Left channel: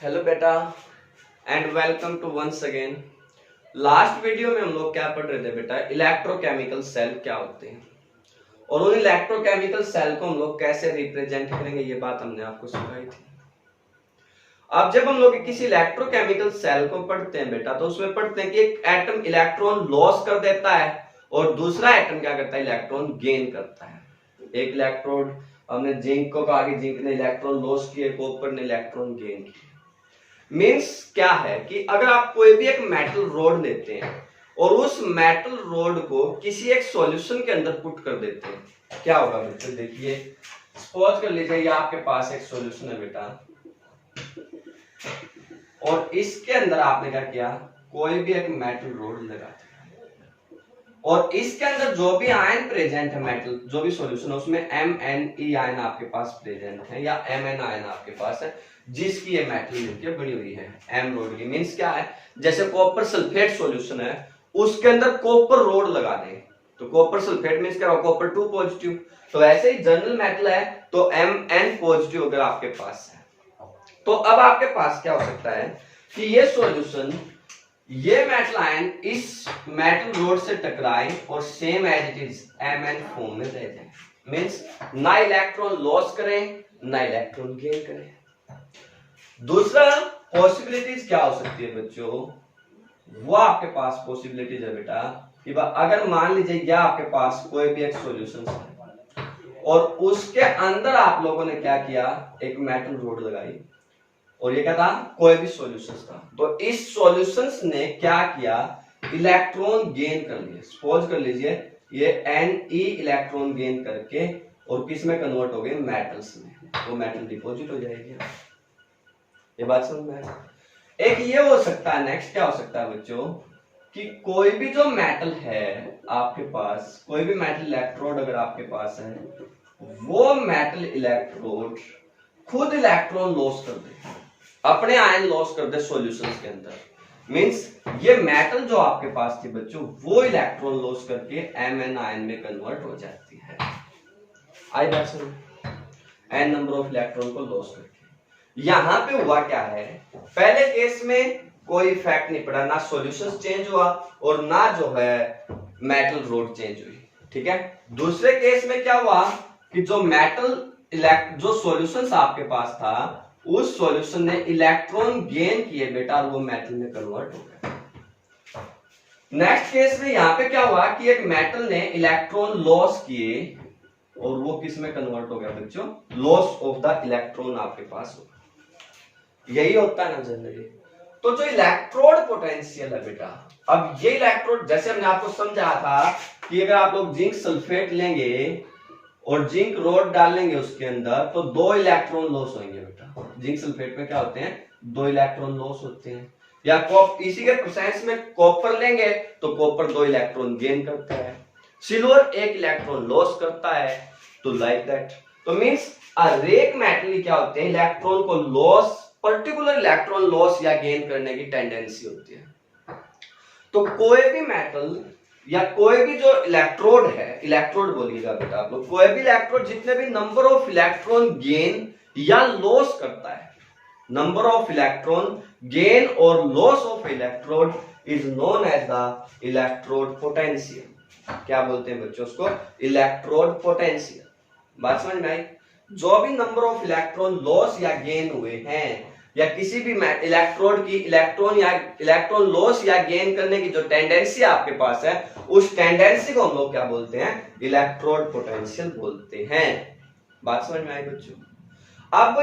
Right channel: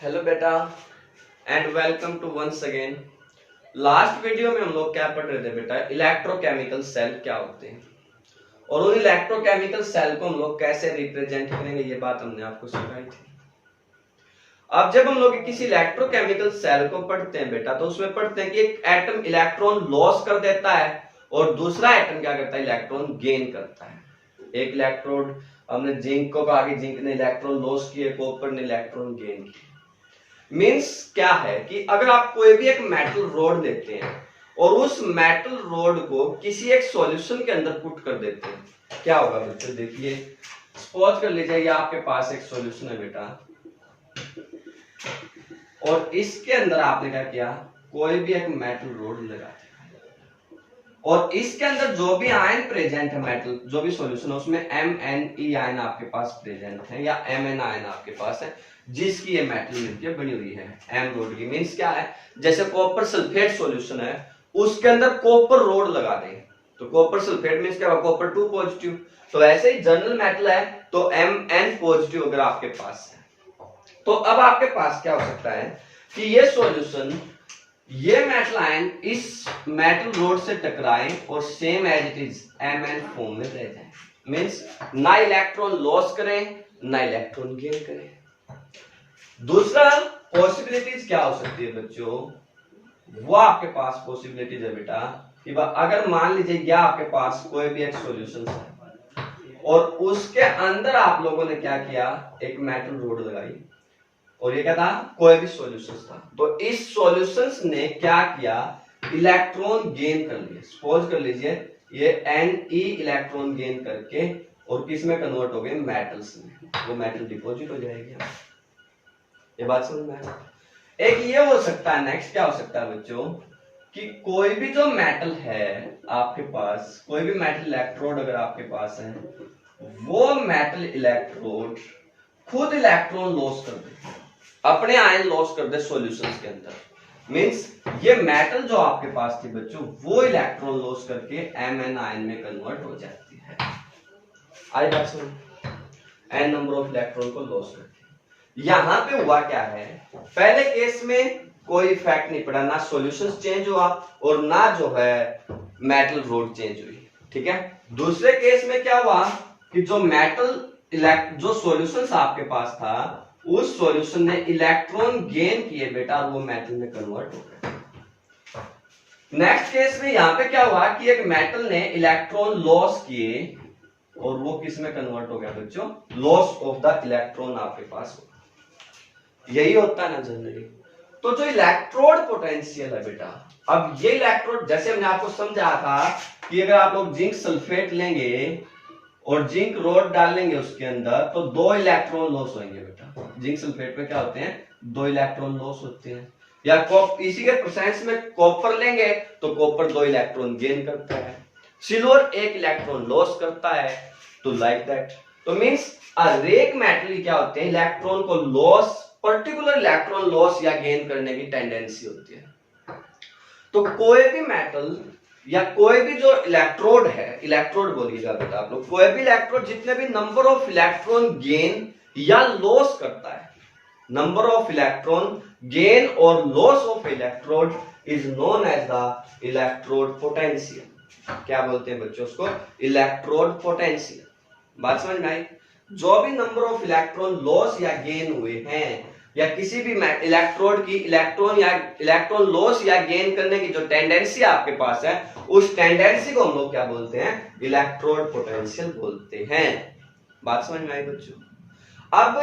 Hello बेटा and welcome to once again. Last video में हम लोग क्या पढ़ रहे थे बेटा, इलेक्ट्रोकेमिकल सेल क्या होते हैं और उन इलेक्ट्रोकेमिकल सेल को हम लोग कैसे रिप्रेजेंट करेंगे, ये बात हमने आपको सिखाई थी। अब जब हम लोग किसी इलेक्ट्रोकेमिकल सेल को पढ़ते हैं बेटा, तो उसमें पढ़ते हैं कि एक एटम इलेक्ट्रॉन लॉस कर देता है और दूसरा एटम क्या करता है, इलेक्ट्रॉन गेन करता है। एक इलेक्ट्रोड हमने जिंक को कहा कि जिंक ने इलेक्ट्रॉन लॉस किए, कॉपर ने इलेक्ट्रॉन गेन किए। मीन्स क्या है कि अगर आप कोई भी एक मेटल रोड लेते हैं और उस मेटल रोड को किसी एक सॉल्यूशन के अंदर पुट कर देते हैं, क्या होगा बच्चों, देखिए सपोज कर लीजिए ये आपके पास एक सॉल्यूशन है बेटा और इसके अंदर आपने क्या किया, कोई भी एक मेटल रोड लगा दिया और इसके अंदर जो भी आयन प्रेजेंट है, मेटल जो भी सॉल्यूशन है उसमें MnE आयन आपके पास प्रेजेंट है या Mn आयन आपके पास है, जिसकी ये मेटल मिलकर बनी हुई है एम रोड की। मींस क्या है, जैसे कॉपर सल्फेट सॉल्यूशन है उसके अंदर कॉपर रोड लगा दें तो कॉपर सल्फेट मींस क्या होगा, कॉपर 2 पॉजिटिव। तो ऐसे ही जर्नल मेटल है तो Mn पॉजिटिव अगर आपके पास है, तो अब आपके पास क्या हो सकता है कि ये सॉल्यूशन, ये मेटल आयन इस मेटल रोड से टकराएं और same as it is Mn form में रह जाए। मींस ना इलेक्ट्रॉन लॉस करें ना इलेक्ट्रॉन गेन करें। दूसरा पॉसिबिलिटीज क्या हो सकती है बच्चों, वो आपके पास पॉसिबिलिटीज है बेटा कि अगर मान लीजिए क्या आपके पास कोई भी एक सॉल्यूशन है और उसके अंदर आप लोगों ने क्या किया, एक मेटल रोड लगाई और ये क्या था, कोई भी सॉल्यूशन था, तो इस सॉल्यूशंस ने क्या किया, इलेक्ट्रॉन गेन कर लिए। सपोज कर लीजिए ये Ne इलेक्ट्रॉन गेन करके और किस में कन्वर्ट हो गए, मेटल्स में, वो मेटल डिपॉजिट हो जाएगी। ये बात समझ में आया। एक ये हो सकता है, नेक्स्ट क्या हो सकता है बच्चों कि कोई भी जो मेटल है आपके पास, कोई भी मेटल इलेक्ट्रोड अगर आपके पास है, वो मेटल इलेक्ट्रोड खुद इलेक्ट्रॉन लॉस कर दे, अपने आयन लॉस कर दे सॉल्यूशंस के अंदर। मींस ये मेटल जो आपके पास थी बच्चों, वो इलेक्ट्रॉन लॉस करके Mn आयन में कन्वर्ट हो जाती है। आई बात समझ, n नंबर ऑफ इलेक्ट्रॉन को लॉस करके। यहां पे हुआ क्या है, पहले केस में कोई इफेक्ट नहीं पड़ा, ना सॉल्यूशंस चेंज हुआ और ना जो है मेटल रोड चेंज हुई, ठीक है। दूसरे केस में क्या हुआ कि जो मेटल जो सॉल्यूशंस आपके पास था, उस सॉल्यूशन ने इलेक्ट्रॉन गेन किए बेटा और वो मेटल में कन्वर्ट हो गए। नेक्स्ट केस में यहां पे क्या हुआ कि एक मेटल ने इलेक्ट्रॉन लॉस किए और वो किस में कन्वर्ट हो गया बच्चों, लॉस ऑफ द इलेक्ट्रॉन आपके पास होगा। यही होता है ना जनरली। तो जो इलेक्ट्रोड पोटेंशियल है बेटा, अब ये इलेक्ट्रोड जैसे हमने आपको समझाया था कि अगर आप लोग जिंक सल्फेट लेंगे और जिंक रोड डालेंगे उसके अंदर तो 2 इलेक्ट्रॉन लॉस होंगे बेटा। जिंक सल्फेट में क्या होते हैं, 2 इलेक्ट्रॉन लॉस होते हैं। या इसी के प्रेजेंस में कॉपर लेंगे तो कॉपर 2 इलेक्ट्रॉन गेन करता है, सिल्वर 1 इलेक्ट्रॉन लॉस करता है, तो लाइक दैट। तो मींस हरेक मेटल क्या होते हैं, इलेक्ट्रॉन को लॉस, पर्टिकुलर इलेक्ट्रॉन लॉस या गेन करने की टेंडेंसी होती है। तो कोई भी मेटल या कोई भी जो इलेक्ट्रोड है, इलेक्ट्रोड बोलिएगा बेटा आप लोग, कोई भी इलेक्ट्रोड जितने भी नंबर ऑफ इलेक्ट्रॉन गेन या लॉस करता है, नंबर ऑफ इलेक्ट्रॉन गेन और loss of electrode is known as the electrode potential. क्या बोलते हैं बच्चों उसको, इलेक्ट्रोड पोटेंशियल। बात समझ में आई। जो भी नंबर ऑफ इलेक्ट्रॉन लॉस या गेन हुए हैं या किसी भी इलेक्ट्रोड की इलेक्ट्रॉन लॉस या गेन करने की जो टेंडेंसी आपके पास है, उस टेंडेंसी को हम लोग क्या बोलते हैं, इलेक्ट्रोड पोटेंशियल बोलते हैं। बात समझ में आई बच्चों। अब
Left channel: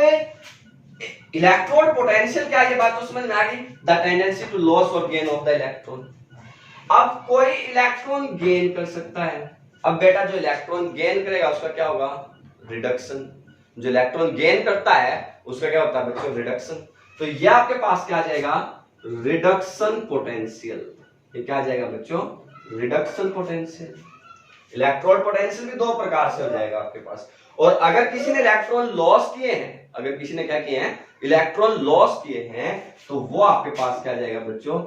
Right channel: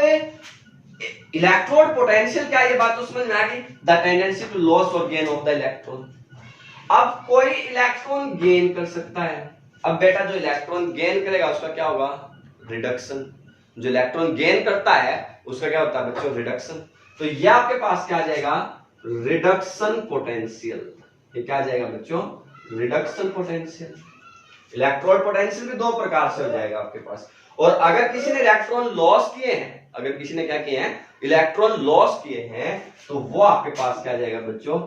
इलेक्ट्रोड पोटेंशियल क्या, ये बात तो समझ में आ गई, द टेंडेंसी टू लॉस और गेन ऑफ द इलेक्ट्रॉन। अब कोई इलेक्ट्रॉन गेन कर सकता है, अब बेटा जो इलेक्ट्रॉन गेन करेगा उसका क्या होगा, रिडक्शन। जो इलेक्ट्रॉन गेन करता है उसका क्या होता है बच्चों, रिडक्शन। तो ये आपके पास क्या आ जाएगा, रिडक्शन पोटेंशियल। ये क्या आ जाएगा बच्चों, रिडक्शन पोटेंशियल। इलेक्ट्रोड पोटेंशियल भी 2 प्रकार से हो जाएगा आपके पास। और अगर किसी ने इलेक्ट्रॉन लॉस किए हैं, अगर किसी ने क्या किए हैं, इलेक्ट्रॉन लॉस किए हैं, तो वो आपके पास क्या आ जाएगा बच्चों,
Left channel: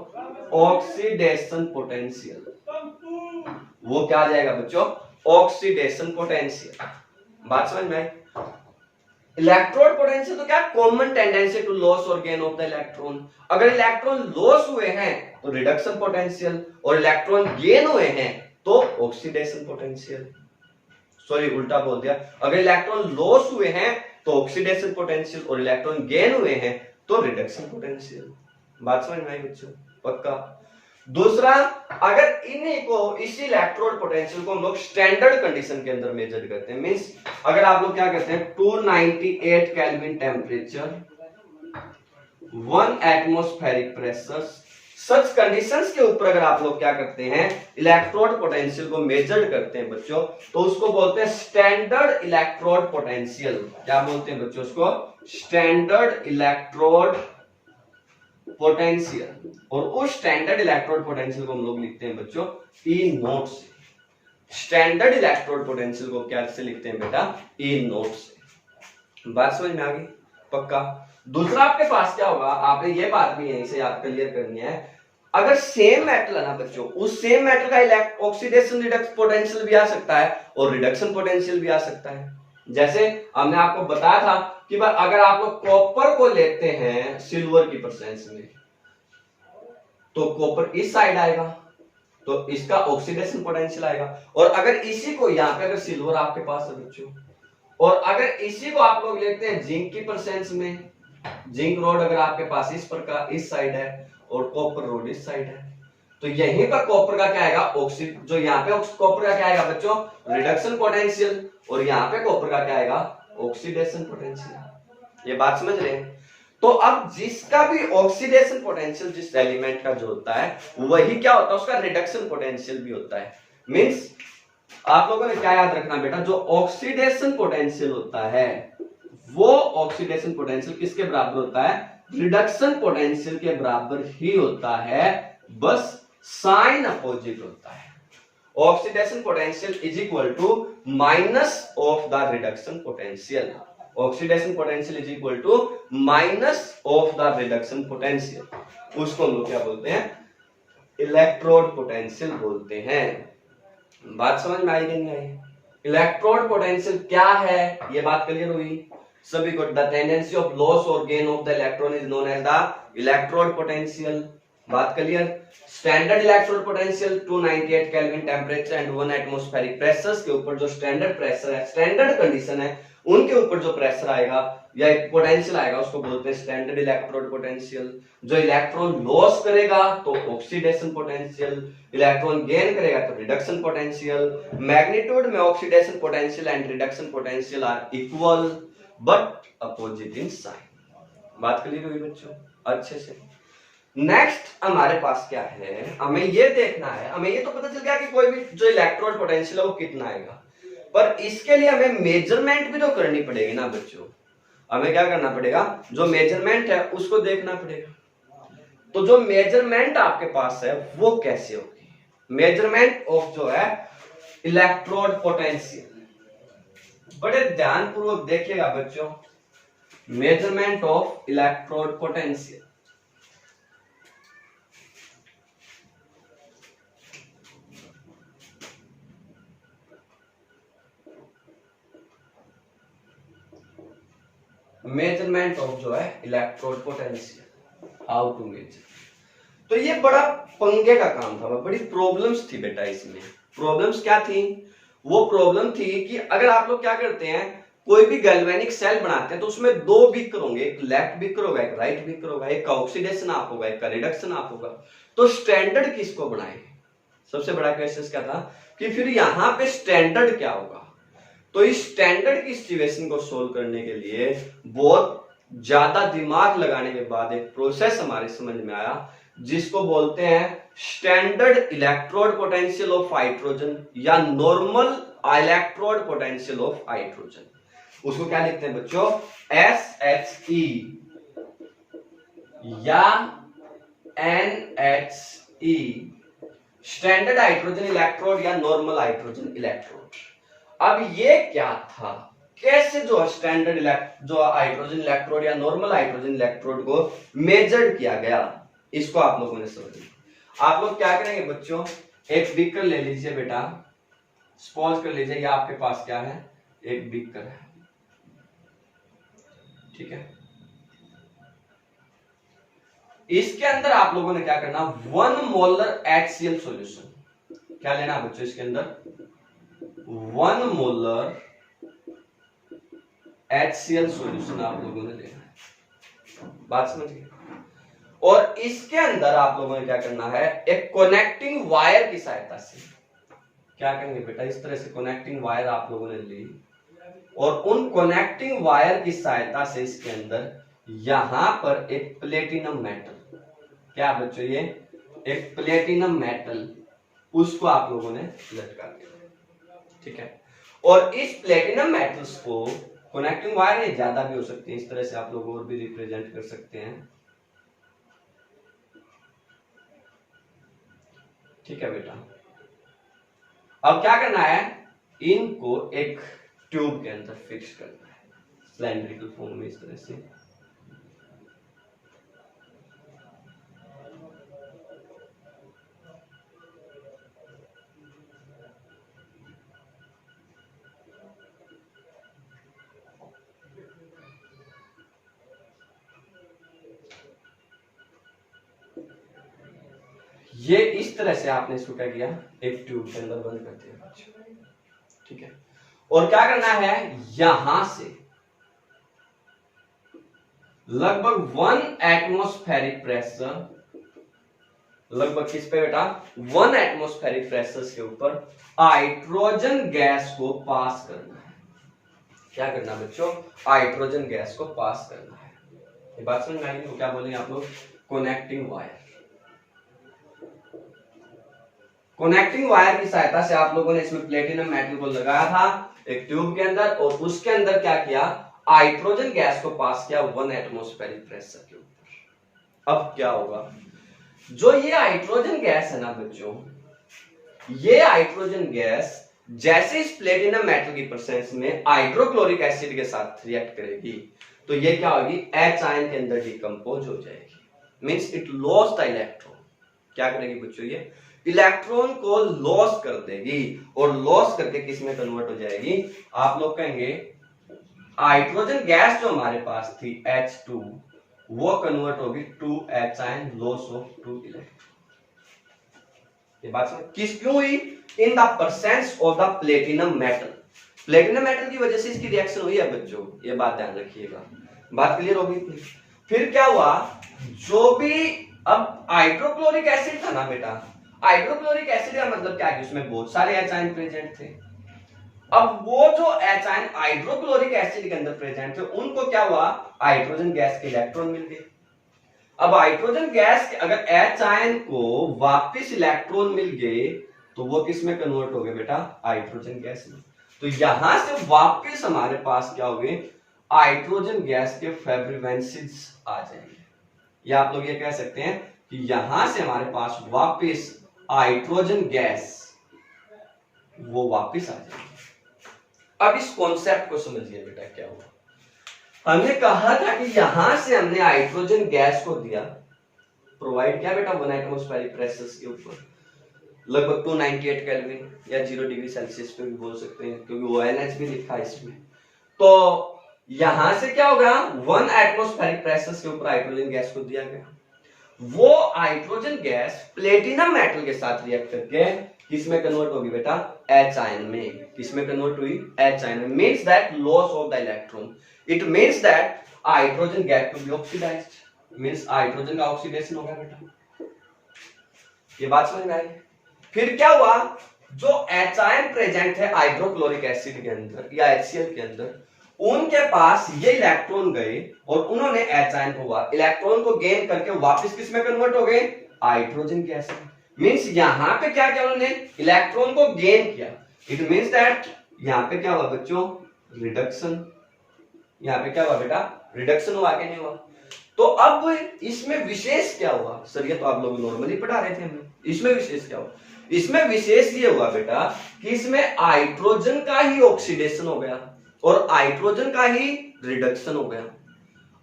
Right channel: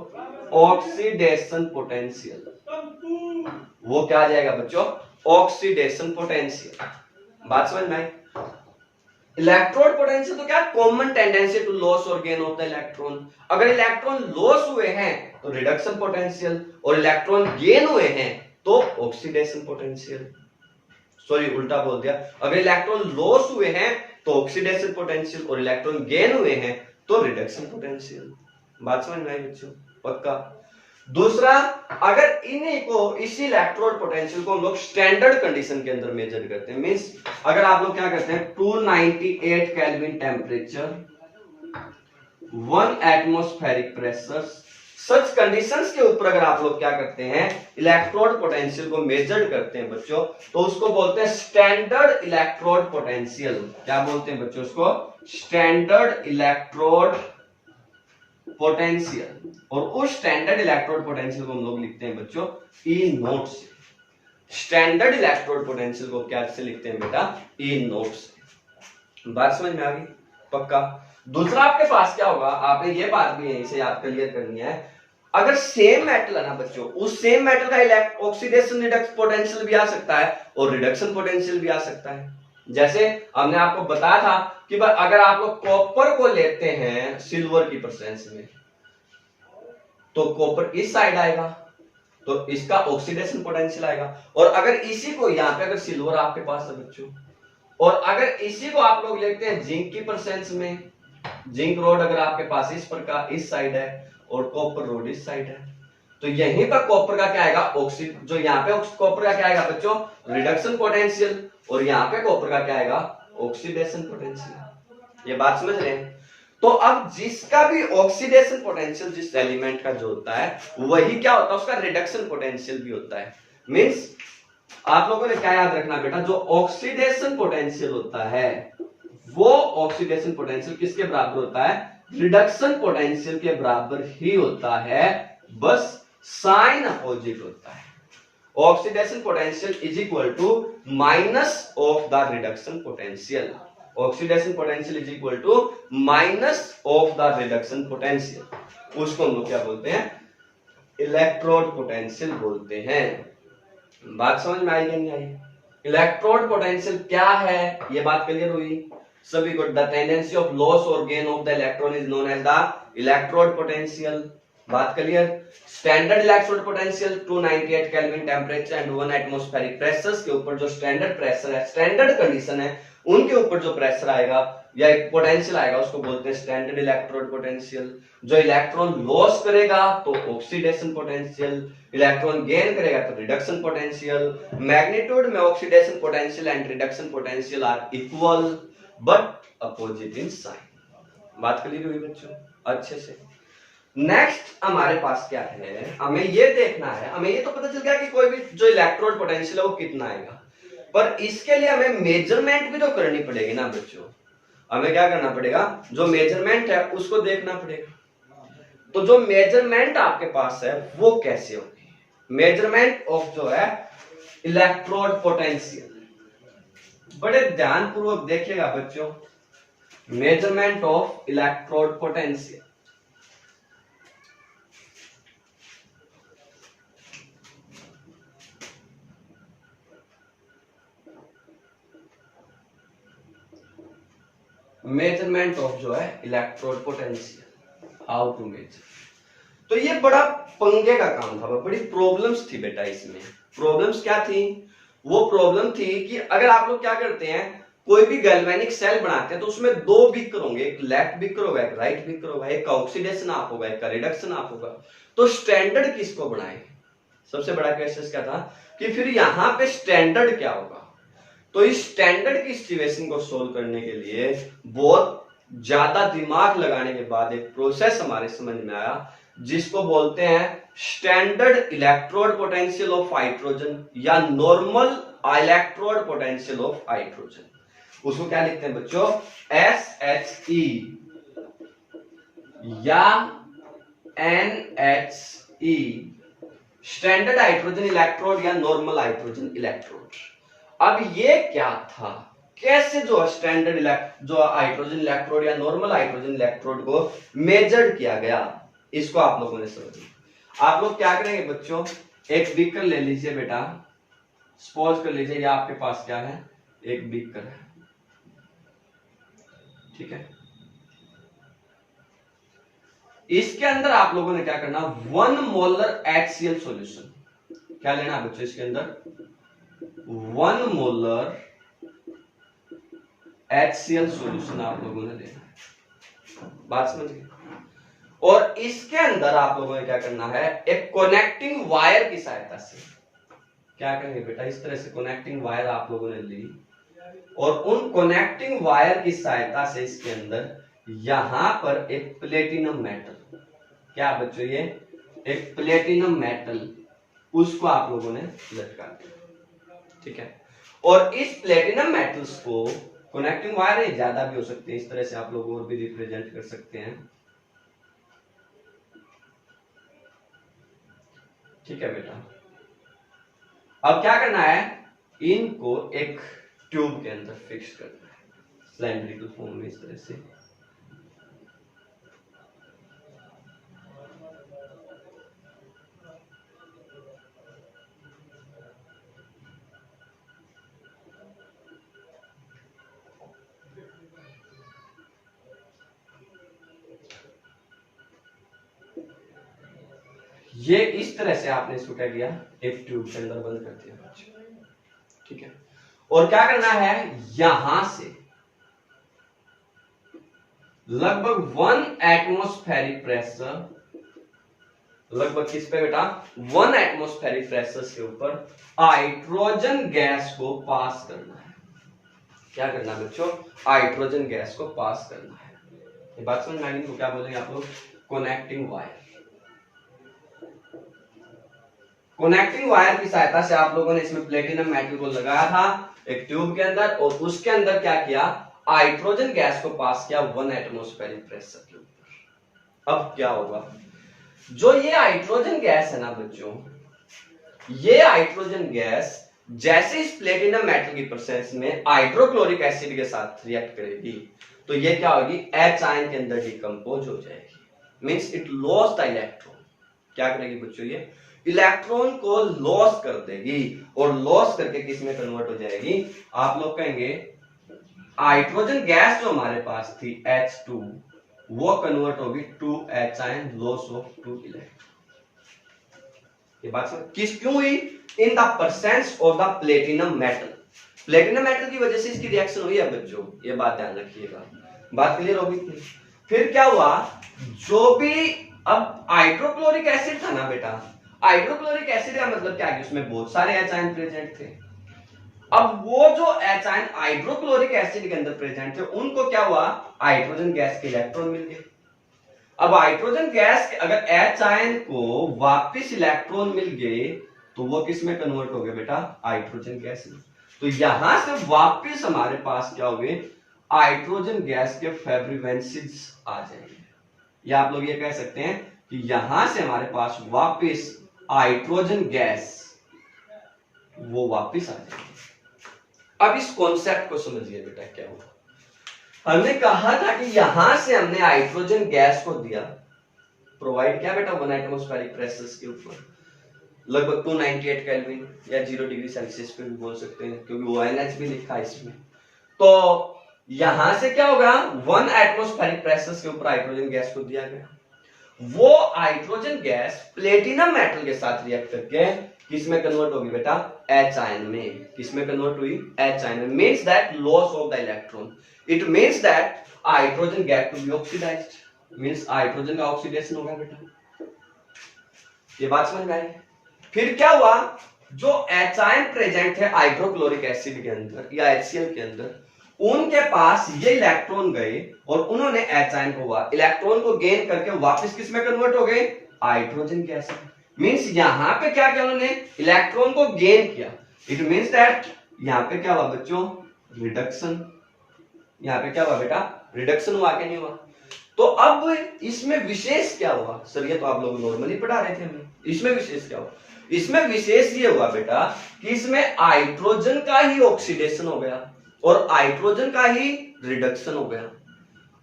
ऑक्सीडेशन पोटेंशियल। वो क्या आ जाएगा बच्चों, ऑक्सीडेशन पोटेंशियल। बात समझ में आई। इलेक्ट्रोड पोटेंशियल तो क्या, कॉमन टेंडेंसी टू लॉस और गेन ऑफ द इलेक्ट्रॉन। अगर इलेक्ट्रॉन लॉस हुए हैं तो रिडक्शन पोटेंशियल, और इलेक्ट्रॉन गेन हुए हैं तो ऑक्सीडेशन पोटेंशियल। सॉरी उल्टा बोल दिया, अगर इलेक्ट्रॉन लॉस हुए हैं तो ऑक्सीडेशन पोटेंशियल, और इलेक्ट्रॉन गेन हुए हैं तो रिडक्शन पोटेंशियल। बात समझ में आई बच्चों? पक्का। दूसरा, अगर इन्हीं को, इसी इलेक्ट्रोड पोटेंशियल को हम लोग स्टैंडर्ड कंडीशन के अंदर मेजर करते हैं, मींस अगर आप लोग क्या करते हैं 298 केल्विन टेम्परेचर, 1 एटमॉस्फेरिक प्रेशर, सच कंडीशंस के ऊपर अगर आप लोग क्या करते हैं इलेक्ट्रोड पोटेंशियल को मेजर करते हैं बच्चों, तो उसको बोलते हैं स्टैंडर्ड इलेक्ट्रोड पोटेंशियल। क्या बोलते हैं बच्चों उसको? Standard electrode potential. और उस स्टैंडर्ड इलेक्ट्रोड पोटेंशियल को हम लोग लिखते हैं बच्चों ई नोट से। स्टैंडर्ड इलेक्ट्रोड पोटेंशियल को क्या से लिखते हैं बेटा? ई नोट से। बात समझ में आ गई? पक्का। दूसरा आपके पास क्या होगा, आपने ये बात भी यहीं से याद क्लियर करनी है, अगर सेम मेटल है ना बच्चों, उस सेम मेटल का ऑक्सीडेशन रिडक्शन पोटेंशियल भी आ सकता है और रिडक्शन पोटेंशियल भी आ सकता है। जैसे हमने आपको बताया था कि अगर आप लोग कॉपर को लेते हैं सिल्वर की प्रेजेंस में, तो कॉपर इस साइड आएगा तो इसका ऑक्सीडेशन पोटेंशियल आएगा, और अगर इसी को यहां पे, अगर सिल्वर आपके पास है बच्चों, और अगर इसी को आप लोग लेते हैं जिंक की प्रेजेंस में, जिंक रोड अगर आपके पास इस प्रकार इस साइड है और कॉपर रोड इस साइड है, तो यहीं पर कॉपर का क्या आएगा? जो यहाँ पे कॉपर का क्या आएगा बच्चों? रिडक्शन पोटेंशियल, और यहाँ पे कॉपर का क्या आएगा? Oxidation potential. ये बात समझ रहे हैं? तो अब जिसका भी ऑक्सीडेशन पोटेंशियल जिस एलिमेंट का जो होता है, वही क्या होता है? उसका रिडक्शन पोटेंशियल भी होता है। मींस आप लोगों ने क्या याद रखना बेटा, जो ऑक्सीडेशन पोटेंशियल होता है वो ऑक्सीडेशन पोटेंशियल किसके बराबर होता है? रिडक्शन पोटेंशियल के बराबर ही होता है, बस साइन अपोजिट होता है। Oxidation potential is equal to minus of the reduction potential. Oxidation potential is equal to minus of the reduction potential. उसको हम लोग क्या बोलते हैं? इलेक्ट्रोड पोटेंशियल बोलते हैं। बात समझ में आई कि नहीं आई? इलेक्ट्रोड पोटेंशियल क्या है, ये बात क्लियर हुई सभी को? द टेंडेंसी ऑफ लॉस और gain of the electron is known as the electrode potential. बात clear? Standard electrode potential 298 kelvin temperature and 1 atmospheric pressure के ऊपर जो स्टैंडर्ड प्रेशर है, स्टैंडर्ड कंडीशन है, उनके ऊपर जो प्रेशर आएगा या एक पोटेंशियल आएगा उसको बोलते हैं स्टैंडर्ड इलेक्ट्रोड पोटेंशियल। जो इलेक्ट्रॉन लॉस करेगा तो ऑक्सीडेशन पोटेंशियल, इलेक्ट्रॉन गेन करेगा तो रिडक्शन पोटेंशियल। मैग्नीट्यूड में oxidation potential and reduction potential are equal but opposite in sign. बात क्लियर हुई बच्चों अच्छे से? नेक्स्ट हमारे पास क्या है, हमें ये देखना है, हमें ये तो पता चल गया कि कोई भी जो इलेक्ट्रोड पोटेंशियल है वो कितना आएगा, पर इसके लिए हमें मेजरमेंट भी तो करनी पड़ेगी ना बच्चों। हमें क्या करना पड़ेगा? जो मेजरमेंट है उसको देखना पड़ेगा। तो जो मेजरमेंट आपके पास है वो कैसे होगी? मेजरमेंट ऑफ जो है इलेक्ट्रोड पोटेंशियल, बड़े ध्यानपूर्वक देखिएगा बच्चों। Measurement of electrode potential, measurement of जो है electrode potential, how to measure. तो ये बड़ा पंगे का काम था, बड़ी प्रॉब्लम्स थी बेटा इसमें। प्रॉब्लम्स क्या थी? वो प्रॉब्लम थी कि अगर आप लोग क्या करते हैं, कोई भी गैल्वेनिक सेल बनाते हैं तो उसमें दो बीकर होंगे, एक लेफ्ट बीकर होगा एक राइट बीकर होगा, एक का ऑक्सीडेशन आप होगा एक का रिडक्शन आप होगा। तो स्टैंडर्ड किसको बनाए? सबसे बड़ा क्वेश्चन क्या था कि फिर यहां पे स्टैंडर्ड क्या होगा? तो इस स्टैंडर्ड की सिचुएशन को सोल्व करने के लिए बहुत ज्यादा दिमाग लगाने के बाद एक प्रोसेस हमारे समझ में आया जिसको बोलते हैं standard electrode potential of hydrogen या normal electrode potential of hydrogen. उसको क्या लिखते हैं बच्चों? SHE या NHE, स्टैंडर्ड हाइड्रोजन इलेक्ट्रोड या नॉर्मल हाइड्रोजन इलेक्ट्रोड। अब ये क्या था, कैसे जो स्टैंडर्ड जो हाइड्रोजन इलेक्ट्रोड या नॉर्मल हाइड्रोजन इलेक्ट्रोड को मेजर किया गया, इसको आप लोगों ने समझना। आप लोग क्या करेंगे बच्चों, एक बीकर ले लीजिए बेटा, सपोज कर लीजिए आपके पास क्या है, एक बीकर है। ठीक है। इसके अंदर आप लोगों ने क्या करना, 1 मोलर HCl सॉल्यूशन, क्या लेना बच्चों इसके अंदर 1 मोलर HCl सॉल्यूशन आप लोगों ने लेना है, बात समझ गए। और इसके अंदर आप लोगों ने क्या करना है, एक कनेक्टिंग वायर की सहायता से क्या करेंगे बेटा, इस तरह से कनेक्टिंग वायर आप लोगों ने ली और उन कनेक्टिंग वायर की सहायता से इसके अंदर यहां पर एक प्लेटिनम मेटल, क्या बच्चों ये एक प्लेटिनम मेटल, उसको आप लोगों ने लटका दिया, ठीक है। और इस प्लेटिनम मेटल्स को कनेक्टिंग वायर है, ज्यादा भी हो सकते हैं, इस तरह से आप लोग और भी रिप्रेजेंट कर सकते हैं, ठीक है बेटा। अब क्या करना है, इनको एक ट्यूब के अंदर फिक्स करना है सिलेंड्रिकल फॉर्म में, इस तरह से। ये इस तरह से आपने इसको क्या किया, एक ट्यूब के अंदर बंद कर दिया, ठीक है। और क्या करना है, यहां से लगभग 1 एटमॉस्फेरिक प्रेशर, लगभग किस पे बेटा 1 एटमॉस्फेरिक प्रेशर के ऊपर हाइड्रोजन गैस को पास करना है। क्या करना है बच्चों, हाइड्रोजन गैस को पास करना है। ये बात समझ में आई नहीं, क्या बोलेंगे आप लोग, कनेक्टिंग वायर। कनेक्टिंग वायर की सहायता से आप लोगों ने इसमें प्लेटिनम मेटल को लगाया था एक ट्यूब के अंदर, और उसके अंदर क्या किया, हाइड्रोजन गैस को पास किया 1 एटमॉस्फेरिक प्रेशर के ऊपर। अब क्या होगा, जो ये हाइड्रोजन गैस है ना बच्चों, ये हाइड्रोजन गैस जैसे इस प्लेटिनम मेटल की प्रेजेंस में हाइड्रोक्लोरिक एसिड के साथ रिएक्ट करेगी, तो ये क्या होगी, H आयन के अंदर डिकम्पोज हो जाएगी, means it loss the electron. क्या करेगी बच्चों, ये इलेक्ट्रॉन को लॉस कर देगी, और लॉस करके किस में कन्वर्ट हो जाएगी, आप लोग कहेंगे हाइड्रोजन गैस जो हमारे पास थी H2, वो कन्वर्ट होगी to H ion, loss of 2 electron. ये बात समझ किस क्यों हुई, in the presence of the platinum metal. Platinum metal की वजह से इसकी रिएक्शन हुई है बच्चों, ये बात ध्यान रखिएगा, बात क्लियर होगी। फिर क्या हुआ, जो भी अब हाइड्रोक्लोरिक एसिड था ना बेटा, हाइड्रोक्लोरिक एसिड का मतलब क्या है, उसमें बहुत सारे H आयन प्रेजेंट थे। अब वो जो H आयन हाइड्रोक्लोरिक एसिड के अंदर प्रेजेंट थे, उनको क्या हुआ, हाइड्रोजन गैस के इलेक्ट्रॉन मिल गए। अब हाइड्रोजन गैस के अगर H आयन को वापस इलेक्ट्रॉन मिल गए, तो वो किस में कन्वर्ट हो गए बेटा, हाइड्रोजन गैस में। तो यहां से वापस हमारे पास क्या हो गए, हाइड्रोजन गैस के फेब्रिवेंसिस आ जाएंगे, या आप लोग ये कह सकते हैं कि यहां से हमारे पास वापस हाइड्रोजन गैस वो वापस आ जाएगी। अब इस कॉन्सेप्ट को समझिए बेटा, क्या हुआ, हमने कहा था कि यहां से हमने हाइड्रोजन गैस को दिया, प्रोवाइड किया बेटा 1 एटमॉस्फेरिक प्रेशर के ऊपर, लगभग 298 केल्विन या 0 डिग्री सेल्सियस पे भी बोल सकते हैं, क्योंकि ONH भी लिखा है इसमें। तो यहां से क्या होगा, 1 एटमॉस्फेरिक प्रेशर के ऊपर हाइड्रोजन गैस को दिया गया, वो हाइड्रोजन गैस प्लेटिनम मेटल के साथ रिएक्ट करके किसमें कन्वर्ट होगी बेटा, H आयन में। किसमें कन्वर्ट हुई, H आयन में, means that loss of the electron, it means that hydrogen get to be oxidised, means hydrogen का ऑक्सीडेशन हो गया बेटा। ये बात समझ में आई। फिर क्या हुआ, जो H आयन प्रेजेंट है हाइड्रोक्लोरिक एसिड के अंदर या HCl के अंदर, उनके पास ये इलेक्ट्रॉन गए और उन्होंने H आयन को इलेक्ट्रॉन को गेन करके वापस किस में कन्वर्ट हो गए, हाइड्रोजन गैस में। मींस यहां पे क्या किया उन्होंने, इलेक्ट्रॉन को गेन किया, इट मींस दैट यहां पे क्या हुआ बच्चों, रिडक्शन। यहां पे क्या हुआ बेटा, रिडक्शन हुआ क्या नहीं हुआ। तो अब इसमें विशेष क्या हुआ, सर ये तो आप लोग नॉर्मली पढ़ा रहे थे हमें, इसमें विशेष क्या हुआ, इसमें विशेष ये हुआ बेटा कि इसमें हाइड्रोजन का ही ऑक्सीडेशन हो गया और हाइड्रोजन का ही रिडक्शन हो गया।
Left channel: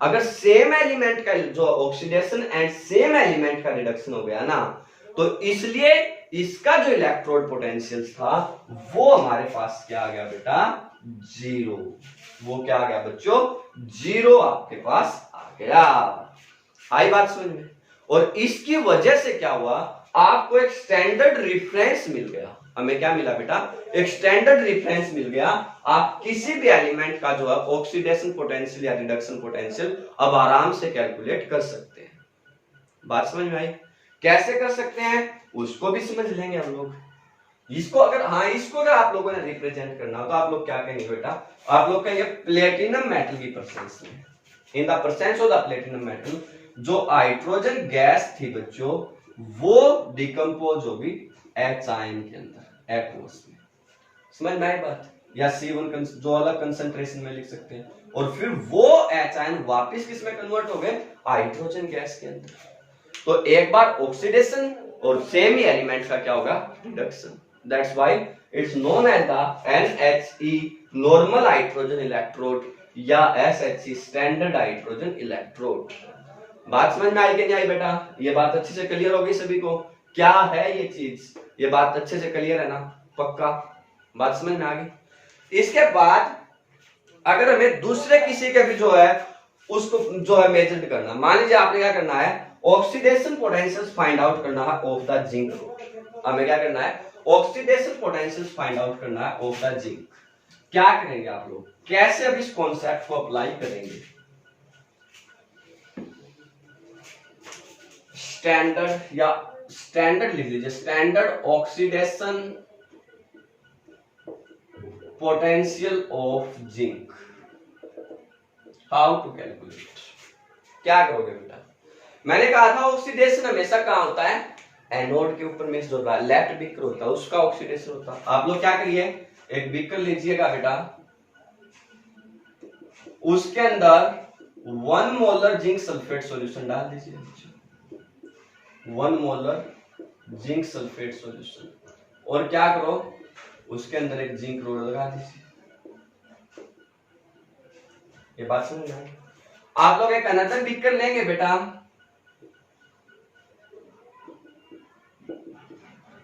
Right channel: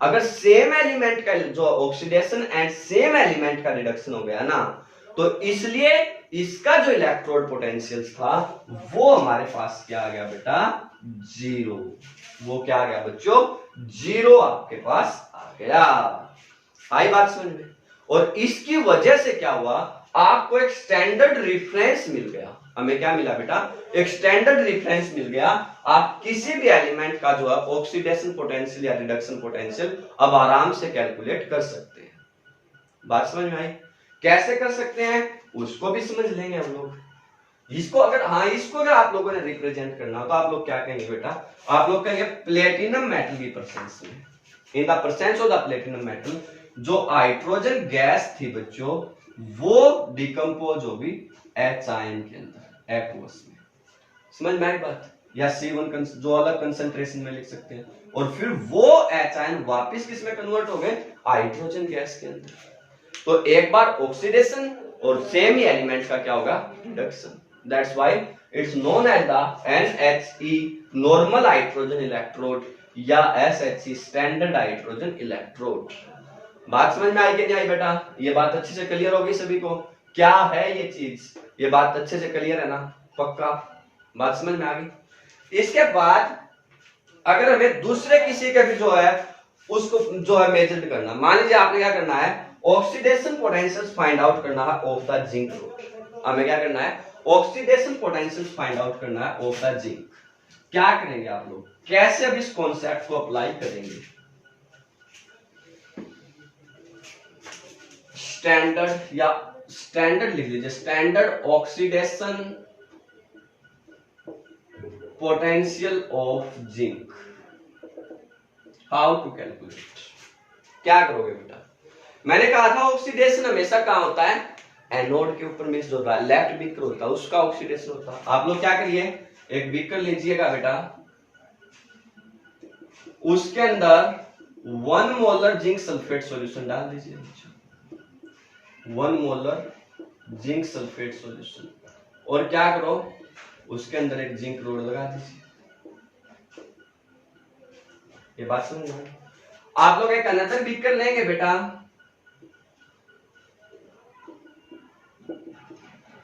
अगर सेम एलिमेंट का जो ऑक्सीडेशन एंड सेम एलिमेंट का रिडक्शन हो गया ना, तो इसलिए इसका जो इलेक्ट्रोड पोटेंशियल था वो हमारे पास क्या आ गया बेटा, 0। वो क्या आ गया बच्चों, 0 आपके पास आ गया। आई बात समझ में? और इसकी वजह से क्या हुआ, आपको एक स्टैंडर्ड रेफरेंस मिल गया। हमें क्या मिला बेटा, एक स्टैंडर्ड रेफरेंस मिल गया। आप किसी भी एलिमेंट का जो है ऑक्सीडेशन पोटेंशियल या रिडक्शन पोटेंशियल अब आराम से कैलकुलेट कर सकते हैं। बात समझ में आई? कैसे कर सकते हैं उसको भी समझ लेंगे हम लोग। इसको अगर आप लोगों ने रिप्रेजेंट करना हो तो आप लोग क्या कहेंगे बेटा, आप लोग कहेंगे प्लेटिनम मेटल की परसेंस में, in the presence of the platinum metal, जो हाइड्रोजन गैस थी बच्चों वो डिकम्पोज होगी H आयन के अंदर एक्वस में। समझ में आई बात? या C1 जो अलग कंसंट्रेशन में लिख सकते हैं, और फिर वो H आयन वापस किस में कन्वर्ट हो गए, हाइड्रोजन गैस के अंदर। तो एक बार ऑक्सीडेशन और सेम ही एलिमेंट का क्या होगा, reduction. That's why it's known as the NHE normal hydrogen electrode या SHE स्टैंडर्ड हाइड्रोजन इलेक्ट्रोड। बात समझ में आई कि नहीं आई बेटा? ये बात अच्छे से क्लियर होगी सभी को, क्या है ये चीज, ये बात अच्छे से क्लियर है ना? पक्का बात समझ में आ गई। इसके बाद अगर हमें दूसरे किसी के भी जो है उसको जो है मेजर करना, मान लीजिए आपने क्या करना है, ऑक्सीडेशन पोटेंशियल फाइंड आउट करना है ऑफ द जिंक रोड। हमें क्या करना है, ऑक्सीडेशन पोटेंशियल फाइंड आउट करना है ऑफ द जिंक। क्या करेंगे आप लोग, कैसे अब इस कॉन्सेप्ट को अप्लाई करेंगे? स्टैंडर्ड या स्टैंडर्ड लिख लीजिए, standard oxidation potential of zinc, how to calculate. क्या करोगे बेटा, मैंने कहा था ऑक्सीडेशन हमेशा कहां होता है, एनोड के ऊपर में जो लेफ्ट बीकर होता है उसका ऑक्सीडेशन होता है। आप लोग क्या करिए, एक बीकर लीजिएगा बेटा, उसके अंदर 1 मोलर जिंक सल्फेट सॉल्यूशन डाल दीजिए, 1 मोलर जिंक सल्फेट सॉल्यूशन, और क्या करो उसके अंदर एक जिंक रोड लगा दीजिए। ये बात समझ में? आप लोग एक अनदर बीकर लेंगे बेटा,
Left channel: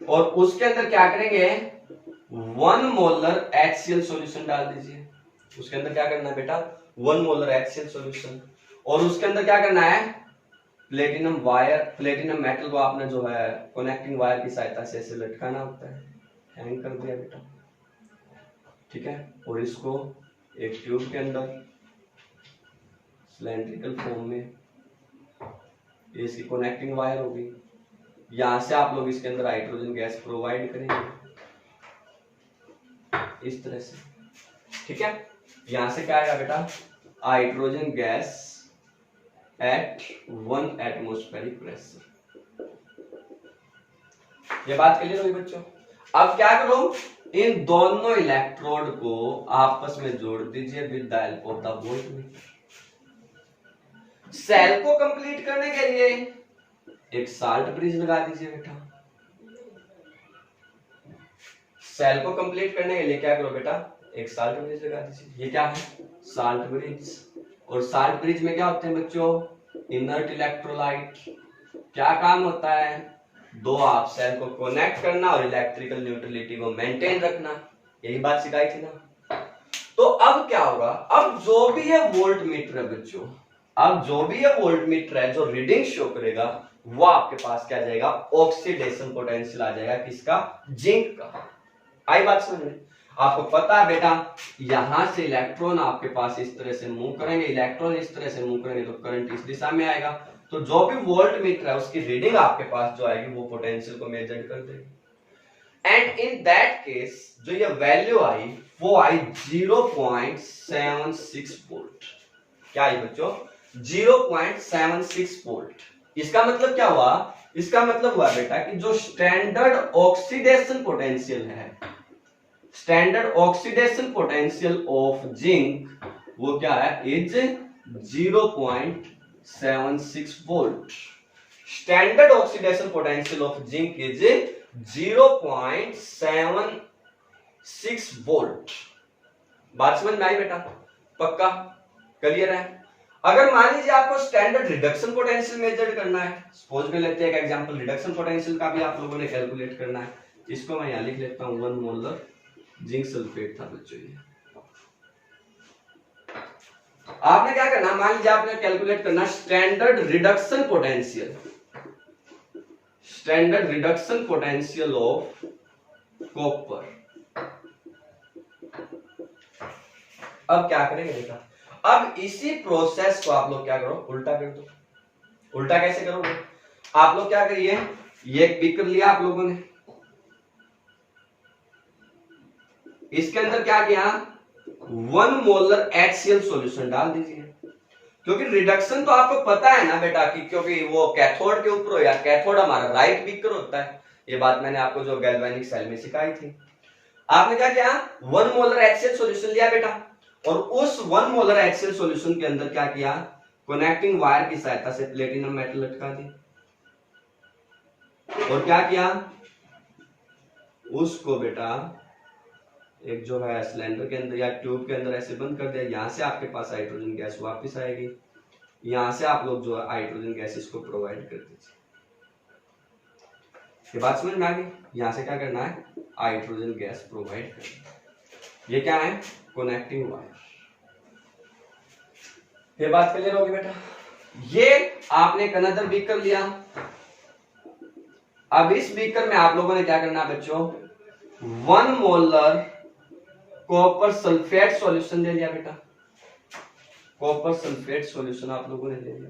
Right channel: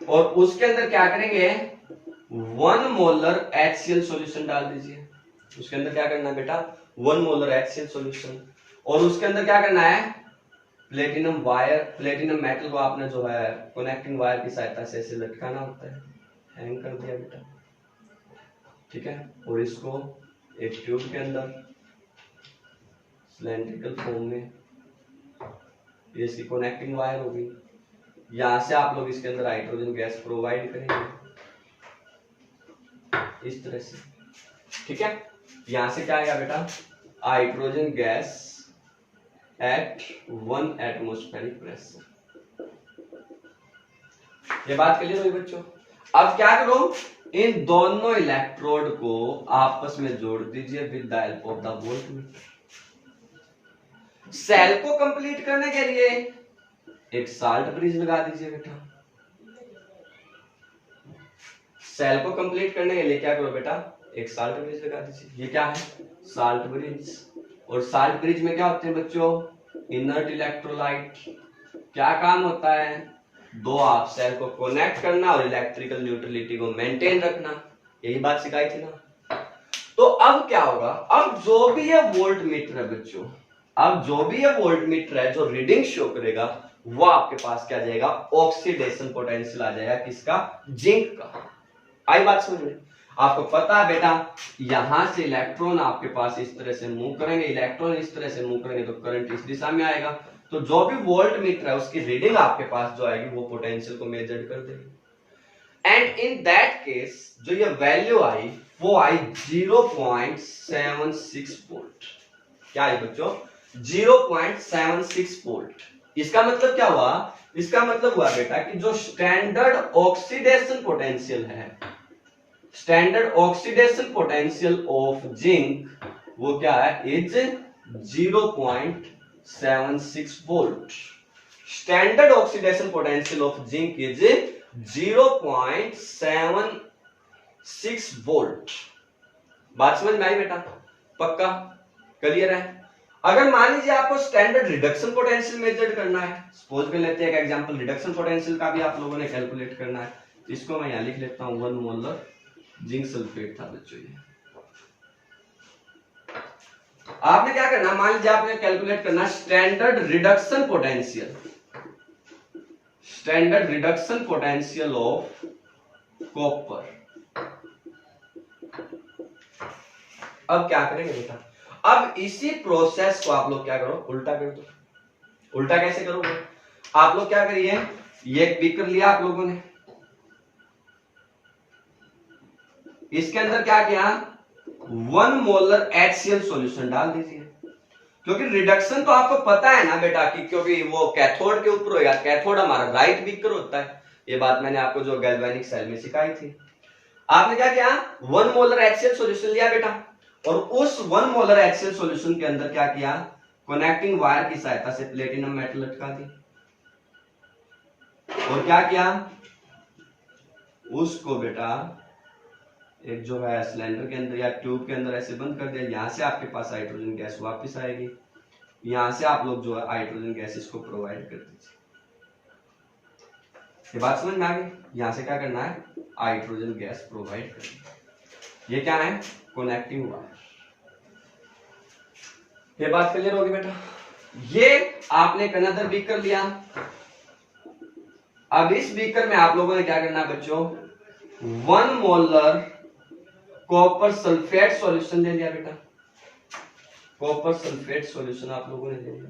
और उसके अंदर क्या करेंगे, 1 मोलर HCl सॉल्यूशन डाल दीजिए। उसके अंदर क्या करना है बेटा, 1 मोलर HCl सॉल्यूशन, और उसके अंदर क्या करना है, प्लेटिनम वायर, प्लेटिनम मेटल को आपने जो है कनेक्टिंग वायर की सहायता से ऐसे लटकाना होता है, हैंग कर दिया बेटा, ठीक है। और इसको एक ट्यूब के अंदर सिलेंड्रिकल फॉर्म में, ये इसकी कनेक्टिंग वायर होगी, यहां से आप लोग इसके अंदर हाइड्रोजन गैस प्रोवाइड करेंगे इस तरह से, ठीक है। यहां से क्या आएगा बेटा, hydrogen gas at 1 atmospheric pressure. ये बात क्लियर हुई बच्चों? अब क्या करो, इन दोनों इलेक्ट्रोड को आपस में जोड़ दीजिए with the help of the voltmeter. Cell को कंप्लीट करने के लिए एक साल्ट ब्रिज लगा दीजिए बेटा। सेल को कंप्लीट करने के लिए क्या करो बेटा, एक साल्ट ब्रिज लगा दीजिए। ये क्या है, साल्ट ब्रिज। और साल्ट ब्रिज में क्या होते हैं बच्चों, इनर्ट इलेक्ट्रोलाइट। क्या काम होता है, दो आप सेल को कनेक्ट करना और इलेक्ट्रिकल न्यूट्रलिटी को मेंटेन रखना, यही बात सिखाई थी ना। तो अब क्या होगा, अब जो भी ये वोल्ट मीटर है बच्चों, अब जो भी ये वोल्ट मीटर है जो रीडिंग शो करेगा वो आपके पास क्या जाएगा, ऑक्सीडेशन पोटेंशियल आ जाएगा, किसका, जिंक का। आई बात समझ में? आपको पता है बेटा, यहां से इलेक्ट्रॉन आपके पास इस तरह से मूव करेंगे, इलेक्ट्रॉन इस तरह से मूव करेंगे तो करंट इस दिशा में आएगा। तो जो भी वोल्ट मीटर है उसकी रीडिंग आपके पास जो आएगी वो पोटेंशियल को मेजर कर देगी। एंड इन दैट केस जो ये वैल्यू आई वो आई 0.76 वोल्ट। क्या आई बच्चों, 0.76 वोल्ट। इसका मतलब क्या हुआ, इसका मतलब हुआ बेटा कि जो स्टैंडर्ड ऑक्सीडेशन पोटेंशियल है, standard oxidation potential of zinc वो क्या है, is 0.76 volt. Standard oxidation potential of zinc is 0.76 volt. बात समझ में आई बेटा? पक्का क्लियर है? अगर मान लीजिए आपको स्टैंडर्ड रिडक्शन पोटेंशियल मेजर करना है, सपोज कर लेते हैं एक एग्जांपल, रिडक्शन पोटेंशियल का भी आप लोगों ने कैलकुलेट करना है। इसको मैं यहां लिख लेता हूं, 1 मोलर जिंक सल्फेट था बच्चों ये। आपने क्या करना, मान लीजिए आपने कैलकुलेट करना standard reduction potential, standard reduction potential of copper. अब क्या करेंगे बेटा, अब इसी प्रोसेस को आप लोग क्या करो, उल्टा कर दो। उल्टा कैसे करोगे, आप लोग क्या करिए, ये एक बीकर लिया आप लोगों ने, इसके अंदर क्या किया, 1 मोलर HCl सॉल्यूशन डाल दीजिए। क्योंकि रिडक्शन तो आपको पता है ना बेटा कि क्योंकि वो कैथोड के ऊपर हो, या कैथोड हमारा राइट बीकर होता है, ये बात मैंने आपको जो गैल्वेनिक सेल में सिखाई थी। आपने क्या किया, 1 मोलर HCl सॉल्यूशन लिया बेटा, और उस 1 मोलर HCl सॉल्यूशन के अंदर क्या किया, कनेक्टिंग वायर की सहायता से प्लेटिनम मेटल लटका दी, और क्या किया, उसको बेटा एक जो है सिलेंडर के अंदर या ट्यूब के अंदर ऐसे बंद कर दिया। यहां से आपके पास हाइड्रोजन गैस वापस आएगी, यहां से आप लोग जो है हाइड्रोजन गैस इसको प्रोवाइड कर दीजिए। ये बात समझ में आ गई, यहां से क्या करना है, हाइड्रोजन गैस प्रोवाइड करना। ये क्या है, कनेक्टिंग वायर। ये बात क्लियर होगी बेटा। ये आपने एक अनदर बीकर लिया, अब इस बीकर में आप लोगों ने क्या करना है बच्चों, 1 मोलर कॉपर सल्फेट सॉल्यूशन ले लिया बेटा, कॉपर सल्फेट सॉल्यूशन आप लोगों ने ले लिया,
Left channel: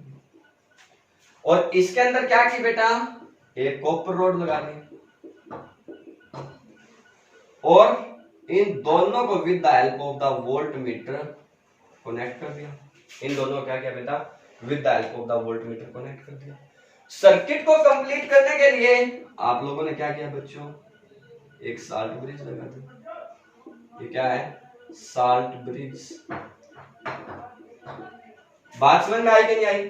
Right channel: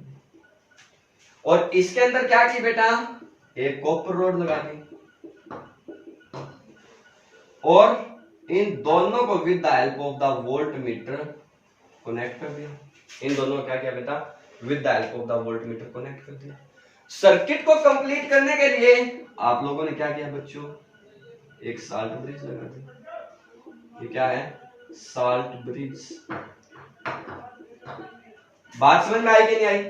और इसके अंदर क्या की बेटा, एक कॉपर रॉड लगा दी, और इन दोनों को with the help of the volt meter connect कर दिया। इन दोनों को क्या किया बेटा, with the help of the volt meter connect कर दिया। सर्किट को कंप्लीट करने के लिए आप लोगों ने क्या किया बच्चों, एक साल्ट ब्रिज लगा दी। ये क्या है, साल्ट ब्रिज। बात समझ में आई कि नहीं आई।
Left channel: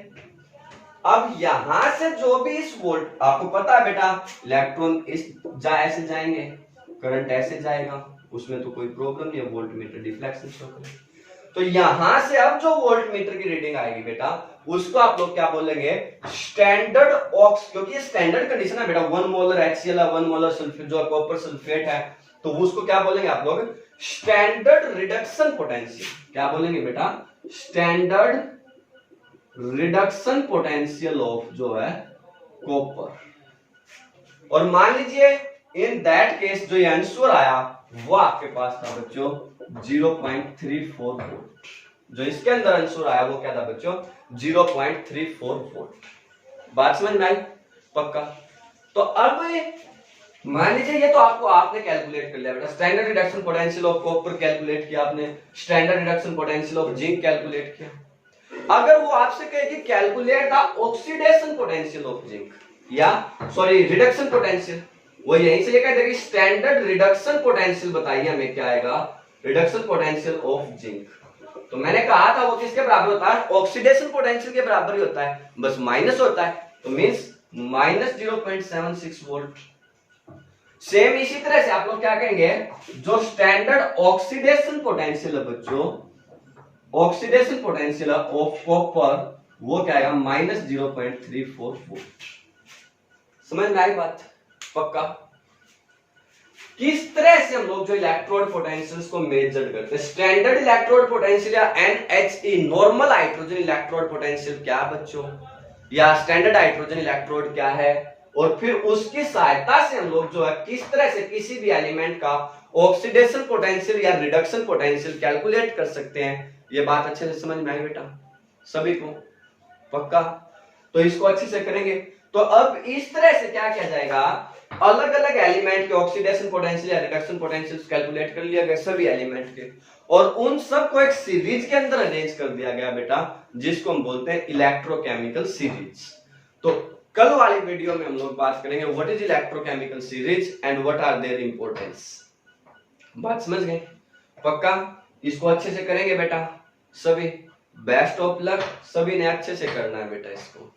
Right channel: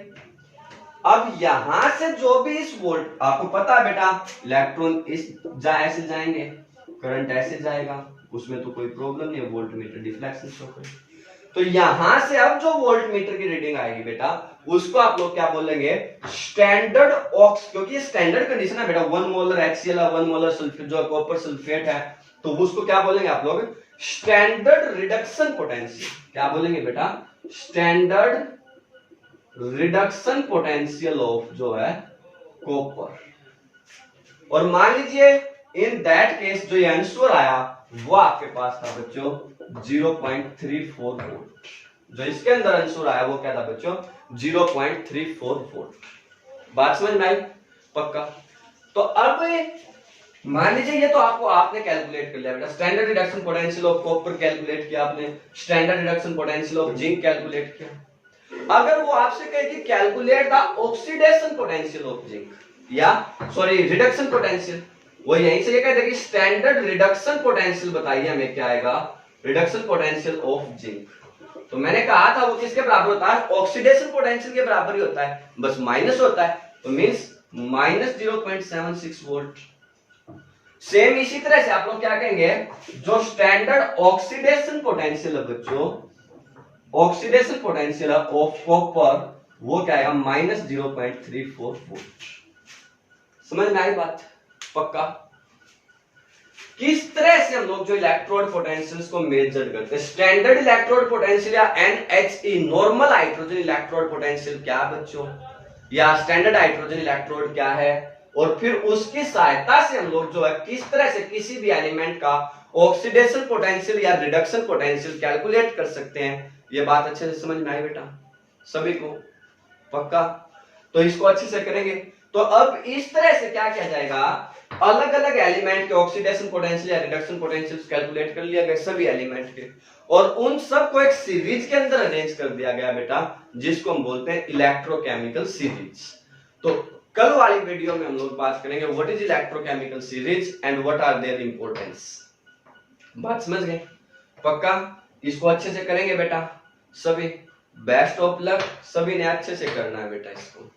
अब यहां से जो भी इस वोल्ट, आपको पता है बेटा इलेक्ट्रॉन इस ऐसे जाएंगे, करंट ऐसे जाएगा, उसमें तो कोई प्रॉब्लम नहीं है, वोल्ट मीटर डिफ्लेक्शन शो करेगा। तो यहां से अब जो वोल्ट मीटर की रीडिंग आएगी बेटा, उसको आप लोग क्या बोलेंगे, स्टैंडर्ड ऑक्स, क्योंकि ये स्टैंडर्ड कंडीशन है बेटा, 1 मोलर HCl है, 1 मोलर सल्फेट जो कॉपर सल्फेट है, तो उसको क्या बोलेंगे आप लोग, स्टैंडर्ड रिडक्शन पोटेंशियल। क्या बोलेंगे बेटा, स्टैंडर्ड रिडक्शन पोटेंशियल ऑफ जो है कॉपर। और मान लीजिए इन दैट केस जो ये आंसर आया वो आपके पास था बच्चों 0.34 वोल्ट। जो इसके अंदर आंसर आया वो क्या था बच्चों, 0.34 वोल्ट। बात समझ में आई पक्का। तो अब मान लीजिए ये तो आपने कैलकुलेट कर लिया बेटा, standard reduction potential of copper calculate किया आपने, standard reduction potential of zinc calculate किया। अगर वो आपसे कहे कि calculate the oxidation potential of zinc, या सॉरी रिडक्शन पोटेंशियल, वो यहीं से ये कहते हैं कि स्टैंडर्ड रिडक्शन पोटेंशियल बताइए हमें, क्या आएगा, रिडक्शन पोटेंशियल ऑफ जिंक। तो मैंने कहा था वो किसके बराबर होता है, ऑक्सीडेशन पोटेंशियल के बराबर ही होता है, बस माइनस होता है, तो मींस माइनस 0.76 वोल्ट। सेम इसी तरह से आप लोग क्या कहेंगे, जो स्टैंडर्ड ऑक्सीडेशन पोटेंशियल है बच्चों, ऑक्सीडेशन पोटेंशियल ऑफ कॉपर, वो क्या है, माइनस 0.34 वोल्ट। समझ में आई बात पक्का। किस तरह से हम लोग जो इलेक्ट्रोड पोटेंशियल्स को मेजर करते हैं, स्टैंडर्ड इलेक्ट्रोड पोटेंशियल या NHE normal hydrogen electrode potential क्या बच्चों, या स्टैंडर्ड हाइड्रोजन इलेक्ट्रोड क्या है, और फिर उसकी सहायता से हम लोग जो है किस तरह से किसी भी एलिमेंट का ऑक्सीडेशन पोटेंशियल या रिडक्शन पोटेंशियल कैलकुलेट कर सकते हैं। ये बात अच्छे से समझ में आई बेटा सभी को पक्का। तो इसको अच्छे से करेंगे। तो अब इस तरह से क्या किया जाएगा, अलग अलग एलिमेंट के ऑक्सीडेशन पोटेंशियल या रिडक्शन पोटेंशियल कैलकुलेट कर लिया गया सभी एलिमेंट के, और उन सब को एक सीरीज के अंदर अरेंज कर दिया गया बेटा, जिसको हम बोलते हैं इलेक्ट्रोकेमिकल सीरीज। तो कल वाली वीडियो में हम लोग बात करेंगे what is electrochemical series and what are their importance. बात समझ गए पक्का। इसको अच्छे से करेंगे बेटा सभी, बेस्ट ऑफ लक, सभी ने अच्छे से करना है बेटा इसको।